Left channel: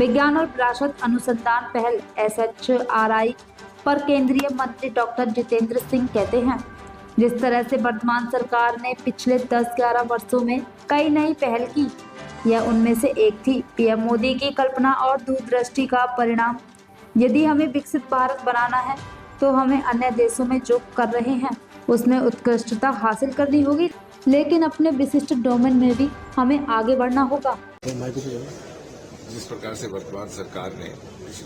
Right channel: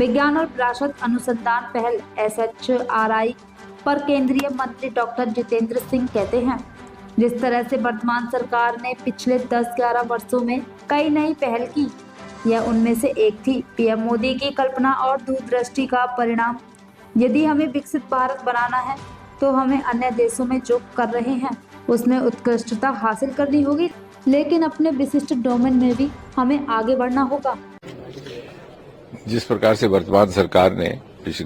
विज्ञान और विरासत अनुसंधान पहल SHRI पर केंद्रीय मंत्री डॉक्टर जितेंद्र सिंह कहते हैं, जिस तरह से वर्तमान सरकार ने पिछले 10-11 वर्षों में कई नई पहल की, यह उनमें से एक थी। पीएम मोदी की कल्पना और दूरदृष्टि का परिणाम। यदि हमें विकसित भारत बनाना है तो हमें अन्य देशों में जो कर रहे हैं उसमें उत्कृष्टता हासिल करनी होगी, लेकिन अपने विशिष्ट डोमेन में भी हमें आगे बढ़ना होगा। जिस प्रकार से वर्तमान सरकार ने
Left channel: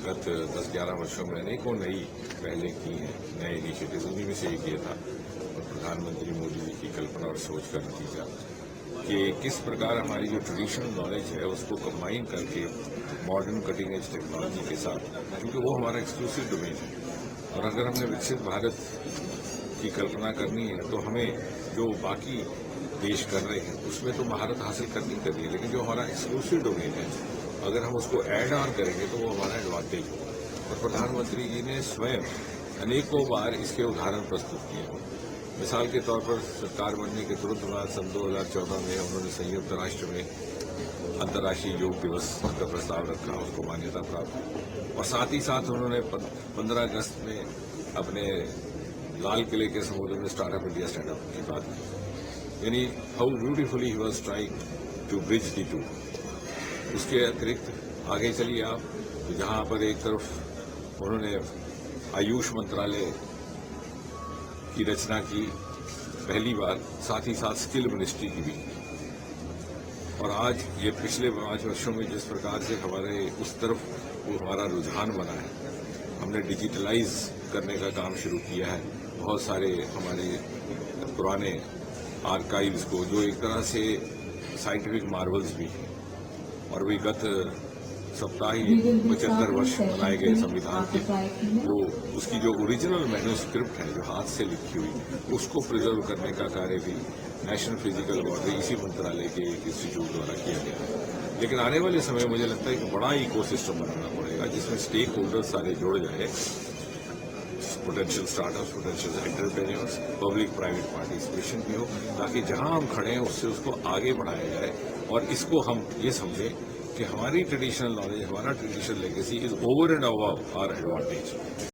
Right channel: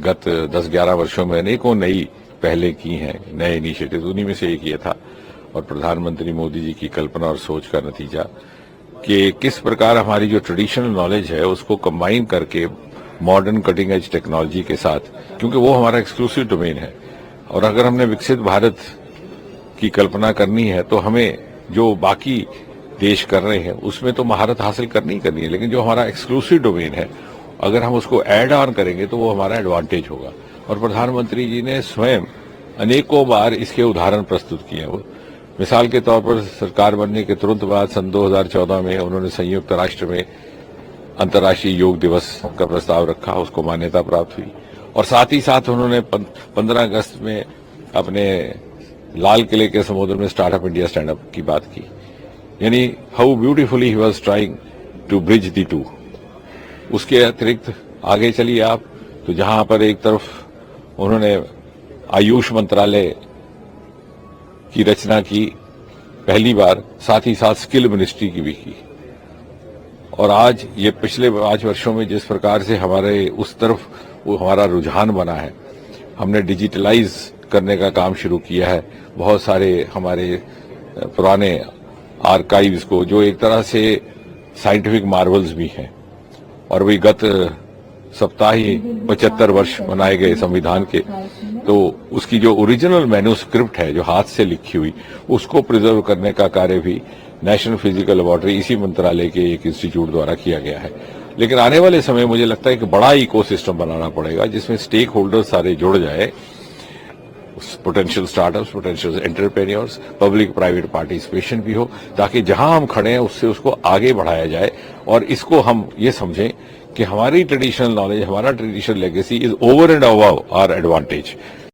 गत 10-11 वर्षों में अनेकों नई पहलें की हैं, नए इनिशिएटिव्स, उन्हीं में से एक ये था। और प्रधानमंत्री मोदी जी की कल्पना और सोच का नतीजा कि किस प्रकार हमारी जो ट्रेडिशनल नॉलेज है उसको कंबाइन करके मॉडर्न कटिंग एज टेक्नोलॉजी के साथ, क्योंकि वो हमारा एक्सक्लूसिव डोमेन है। और अगर हमने विकसित भारत की कल्पना करनी है तो हमें जो बाकी देश कर रहे हैं उसमें तो महारत हासिल करनी ही करनी है, लेकिन जो हमारा एक्सक्लूसिव डोमेन है अगर हम उसको ऐड ऑन करेंगे तो वो हमारा एडवांटेज होगा। और प्रधानमंत्री जी ने स्वयं अनेकों बार इसके उदाहरण प्रस्तुत किए। वो मिसाल के तौर पर सरकार बनने के तुरंत बाद सन 2014 में उन्होंने संयुक्त राष्ट्र में अंतर्राष्ट्रीय योग दिवस का प्रस्ताव रखा, उसको मान्यता प्राप्त हुई। और साथ ही साथ उन्होंने 15 अगस्त में अपने लाल किले के समुद्र में स्टार्टअप इंडिया स्टैंड अप की बात की। यानी how beautifully he was trying to bridge the two. उसके अतिरिक्त आगे चलिए आप तो जहां पर एक तरफ उन्होंने आयुष मंत्रालय की रचना की पहली बार, साथ ही साथ स्किल मिनिस्ट्री की भी की। और आज ये पिछले 5 वर्षों में जिस प्रकार से हमारे उस तरफ वो हमारा रुझान बना है, हमने डिजिटलाइज करने का काम शुरू किया है। बहुत सारे हमारे पुराने आर्काइव्स को, जो एक तरह से साइंटिफिक मार्वल्स भी हैं, और वही गत सप्ताह ही 75 वर्ष मनाए गए संविधान के, तो उसकी जो ओरिजिनल मैन्यूस्क्रिप्ट है जो हाथ से लिखी हुई, उसको प्रिजर्व करने का कार्य भी नेशनल फिजिकल लेबोरेटरी इसी मंत्रालय के एक इंस्टीट्यूट द्वारा किया गया है। लेकिन आने वाले समय मुझे लगता है कि बड़ा इकोसिस्टम बनाना पड़ेगा जिसमें स्टेक होल्डर्स सारे जुड़ जाए, potential startups, potential entrepreneurs, public private participation भी हो, ताकि जहां हम खड़े हैं उससे उसको आगे बढ़ाया जाए। और इसको हम ये समझें कि हमारी ट्रेडिशनल नॉलेज, हमारा traditional legacy is over and above our advantage.